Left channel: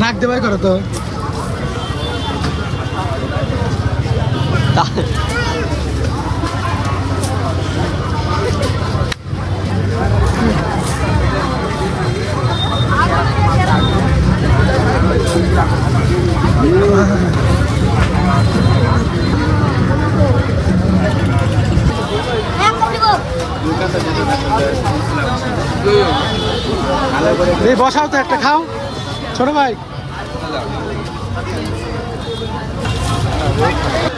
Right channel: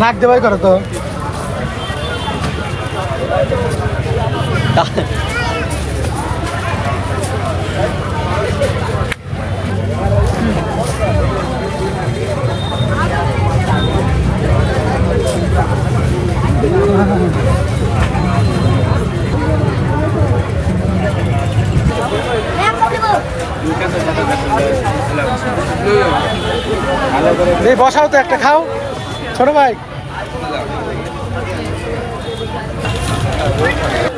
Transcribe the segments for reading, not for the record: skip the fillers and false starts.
নাক দেওয়াই করো তো। এই বসাও তো একটা খাও ছোট ভাই।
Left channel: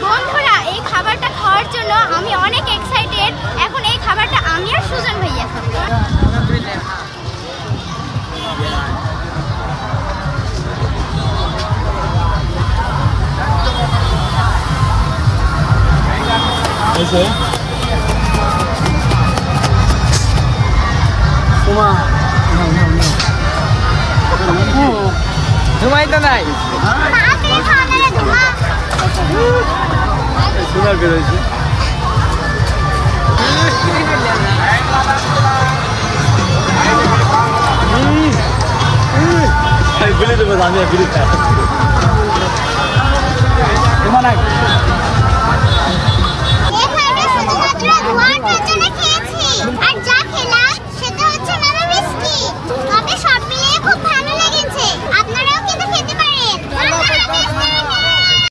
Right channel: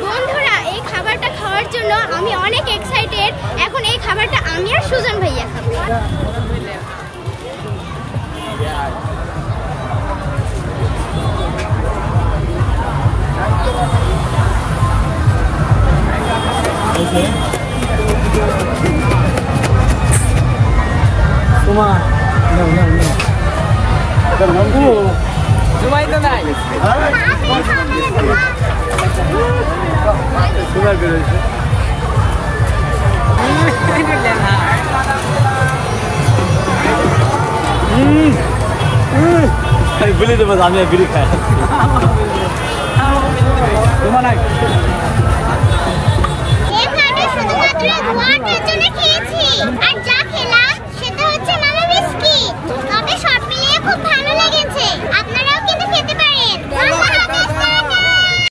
বন্ধুরা এই খাবারটা খাওয়ার জন্য আমি অনেক এক্সাইটেড। এখন এই খাবারটা আমি আর সুজন ভাইয়া খাবো। এখানে